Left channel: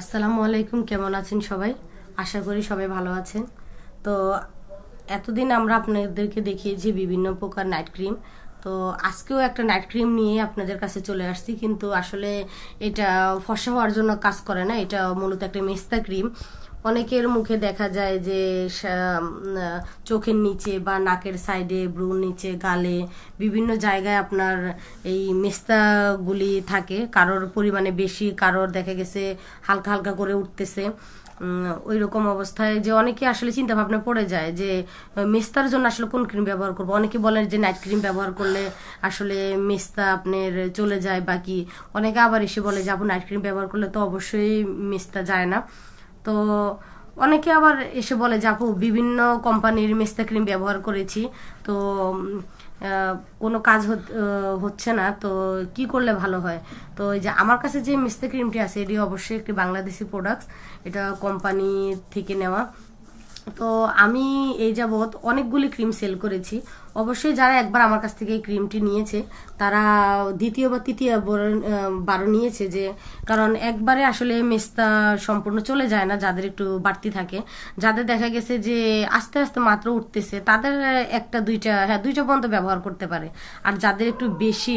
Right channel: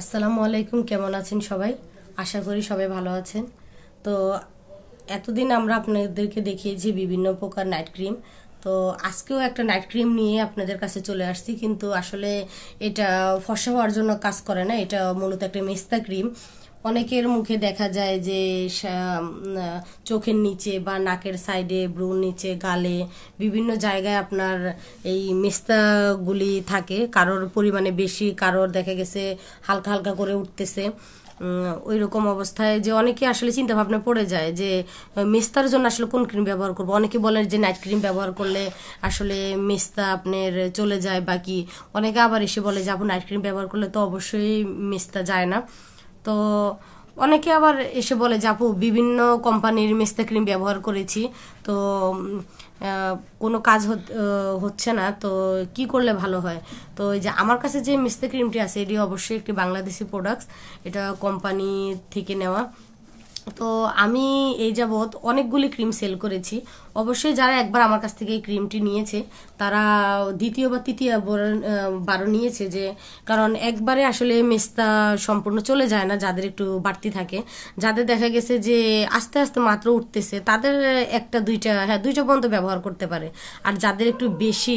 আসসালামু আলাইকুম, কেমন আছেন সবাই? আশা করি সবাই ভালো আছেন। তো এতদিন আমরা আপনাদেরকে দেখিয়েছি বিভিন্ন প্রকার নাইট ক্রিম। তো আজকেও একটা নাইট ক্রিম নিয়ে আপনাদের কাছে চলে আসছি, কিন্তু আসলে এটা ফর্সা হওয়ার জন্য কাজ করে না। এটা মূলত একটা মেস্তা ক্রিম। অনেকের মুখে দেখা যায় যে চোখের নিচে বা নাকের সাইডে, ব্রুর নিচে, গালে বিভিন্ন জায়গায় আপনার এই মেস্তাগুলি থাকে। কারোর পরিমাণে বেশি, কারোর দেখা গেছে হালকা হালকা করে উঠতেছে। ওই রকম অবস্থায় যে অনেকে আসলে চিন্তা ভাবনা পড়ে যায় যে মেস্তার জন্য আসলে কোন ক্রিম ব্যবহার করবো। অনেকে বলে যে নাইট ক্রিম ব্যবহার করলে আসলে মেস্তা আপনার চলে যায়, বাকি অনেকে আবার এসে বলে যে আপনি নাইট ক্রিম ব্যবহার করলে তো অবশ্যই মেস্তা যায় না। তো অনেকে আবার এসে বলে যে আপু বিভিন্ন কোম্পানির মেস্তা ক্রিম ব্যবহার করেছি, তো কোনো কাজ হচ্ছে না, তো কি করলে ভালো হয়। তো এই যে আমার কাছে যে মেস্তা ক্রিমটি আছে এটি অবশ্যই একটি বাংলাদেশি প্রোডাক্টস, এটা কোম্পানি থেকে নেওয়া। তো আমি এই যাবৎ অনেকগুলি ক্রিম সেল করেছি। অবশ্যই যারা একবার আমার কাছ থেকে এই ক্রিমটি নিয়েছে তারা দ্বিতীয় বা তৃতীয় বারও নিয়েছে, যে কারণ একবারে আসলে মেস্তা সম্পূর্ণ চলে যায় না। যাদের একটু বাড়তি থাকে, যাদের দেখা গেছে যে আস্তে আস্তে মাত্র উঠতেছে, তাদের একটা দুইটা পর্যন্ত ব্যবহার করতে পারে। আর যাদের একটু বেশি,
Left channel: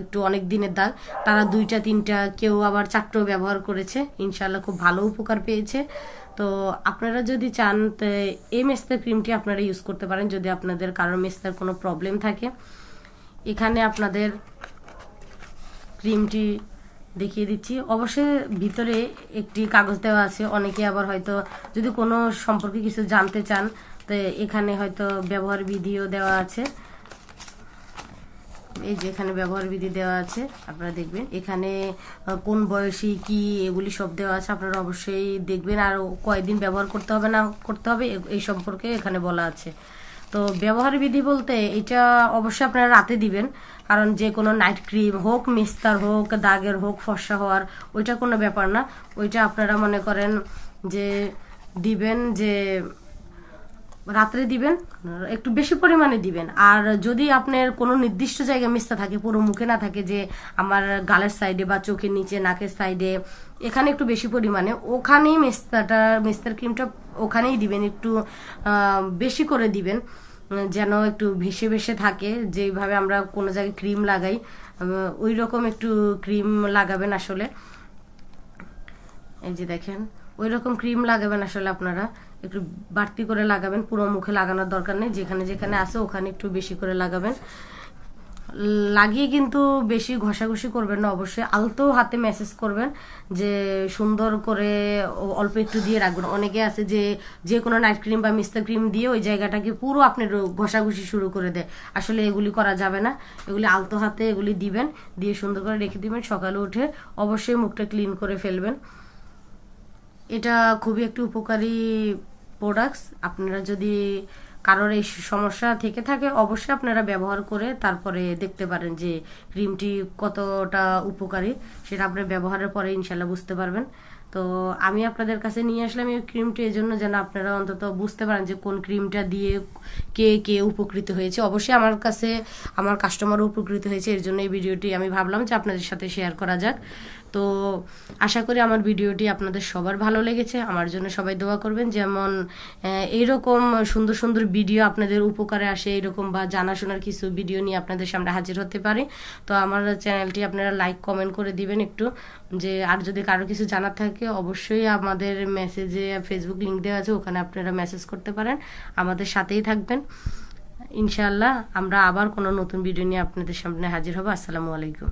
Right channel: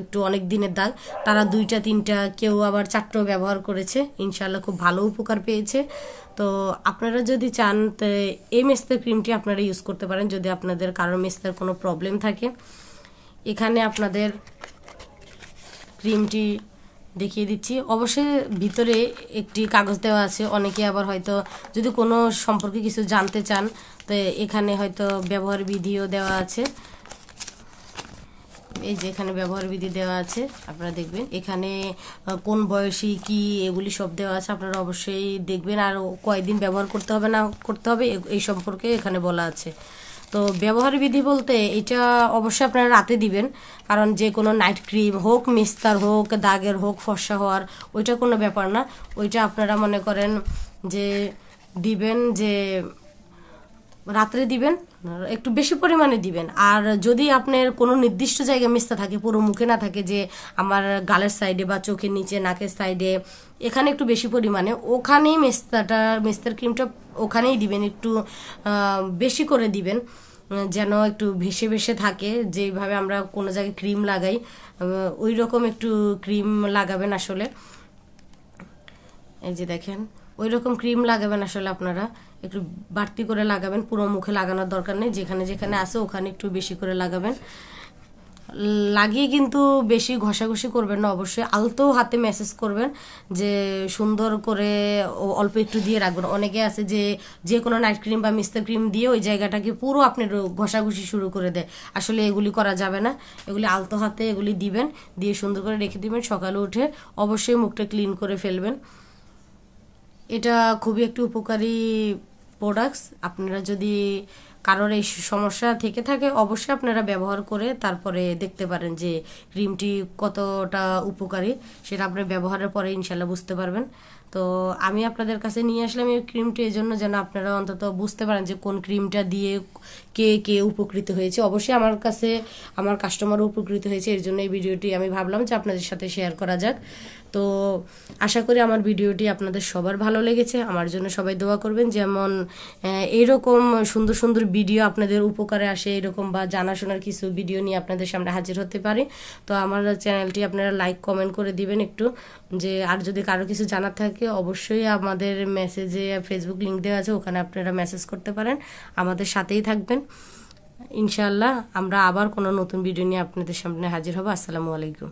একটু অনেক দিনের দাগ, তারা দুইটা তিনটা, কেউ আবার চারটাও ব্যবহার করেছে, ইনশাল্লাহ খুব ভালো উপকার পেয়েছে। তো আপনারা যদি চান তো এই মেস্তা ক্রিমটি আপনারা ইউজ করতে পারেন, যদি আপনাদের কারোর মেস্তার কোনো প্রবলেম থাকে। এখানে আপনাদের ক্রিমটি দেখিয়ে দিচ্ছি। অবশ্যই ভিতরে একটি কাগজ দেওয়া আছে। অনেকে আবার হয়তো যদি কোনো সম্পর্কে কিছু জানতে চান তো এখানে হয়তো ব্যবহার বিধিও দেওয়া আছে। এই যে এখানে ব্যবহার বিধি দেওয়া আছে, আপনারা দেখবেন এখানে কোন বয়সী কি এগুলি সব দেওয়া আছে, আপনারা অবশ্যই দেখবেন। আর কয়দিন ব্যবহার করতে হবে না করতে হবে এই সম্পর্কে এখানে বলা আছে। তো ব্যবহার বিধি বলতে এটা অবশ্যই আপনারা রাতে দিবেন, কারণ যে কোনো নাইট ক্রিম হোক, মেস্তার হোক, দাগের হোক, ফর্সা হওয়ার, ওইটা কোনো ব্যাপার না। ওইটা আপনারা মনে করেন যে দিবেন যে রাত্রে দিবেন, একটু বেশি পরিমাণে দিবেন। আর যদি আপনার কোনো নির্দিষ্ট জায়গায় মেস্তা থাকে, পুরো মুখে না থাকে, যে আমার গালের সাইডে বা চোখের নিচে, নাকের সাইডে, এখানে একটু বেশি পরিমাণে, ওখানেই মেস্তার ক্রিমটা ওখানেই দিবেন। একটু বেশি করে দিবেন, যেন একটু ভেসে ভেসে থাকে। যেভাবে আমরা কোনো জায়গায় ক্রিম লাগাই ওই রকম একটু ক্রিম লাগাবেন আসলে। এই যে দেখেন ওই রকম ক্রিম লাগাবেন আসলে, আপনারা একটু বাড়তি করে লাগাবেন। পুরো মুখে লাগানোর দরকার নেই, যেখানে যেখানে আছে ওখানে একটু বেশি করে লাগাবেন। লাগিয়ে কিন্তু বেশি ঘষাঘষি করবেন না, অবশ্যই আলতো হাতে ম্যাসেজ করবেন, যে সুন্দর করে অল্প একটু দিয়ে রাখবেন। অনেকে আছে যে যে কোনো নাইট ক্রিম বা মিস্টার ক্রিম দিয়ে ওই জায়গাটাকে পুরো আপনার ঘষাঘষি শুরু করে দেয়। আসলে এগুলি করা যাবে না, এগুলি আলতো হাতে এগুলি দিবেন, দিয়ে সুন্দর করে রেখে দিবেন। সকালে উঠে অবশ্যই মুখটা ক্লিন করে ফেলবেন। এটা খুবই একটি উপকারী প্রোডাক্টস। আপনারা যদি কারোর এই সমস্যা থেকে থাকে অবশ্যই আপনারা ব্যবহার করে তারপরে দেখতে পারেন যে ক্রিমটি কতটা উপকারী, সেটা আপনার ব্যবহারের পরে ইনশাল্লাহ বুঝতে পারবেন। তো আমি আপনাদের কাছে নিয়ে আসলাম এই ক্রিমটি এই জন্য যেন আপনারা অন্তত বুঝতে পারেন যে কোন ক্রিমটা দিয়ে কে কে উপকৃত হয়েছে। অবশ্যই আমার কাছে আমার কাস্টমারও উপকৃত হয়েছে, এর জন্য এই ভিডিওটি আমি ভাবলাম যে আপনাদের সাথে শেয়ার করা যাক। তো আশা করি আমার ভিডিওটি আপনাদের সবার ভালো লেগেছে। আমার জন্য সবাই দোয়া করবেন, যেমন এইরকম সুন্দর সুন্দর ভিডিও আপনাদের উপকারে আসে, এরকম বা জানাশোনার কিছু ভিডিও নিয়ে আপনাদের সামনে হাজির হতে পারে। তো আমার চ্যানেলটি আপনারা লাইক কমেন্ট করে দিবেন একটু, যে আর যদি কারো কিছু জানার থাকে অবশ্যই আমাদের মেসেজে ফেসবুক লিংক দেওয়া আছে, ওখানে আপনারা মেসেজ করতে পারেন। আমাদের সাথেই থাকবেন ইনশাআল্লাহ। আমরা আবার কোনো নতুন ভিডিও নিয়ে আপনাদের সামনে হাজির হব। আসসালামু আলাইকুম।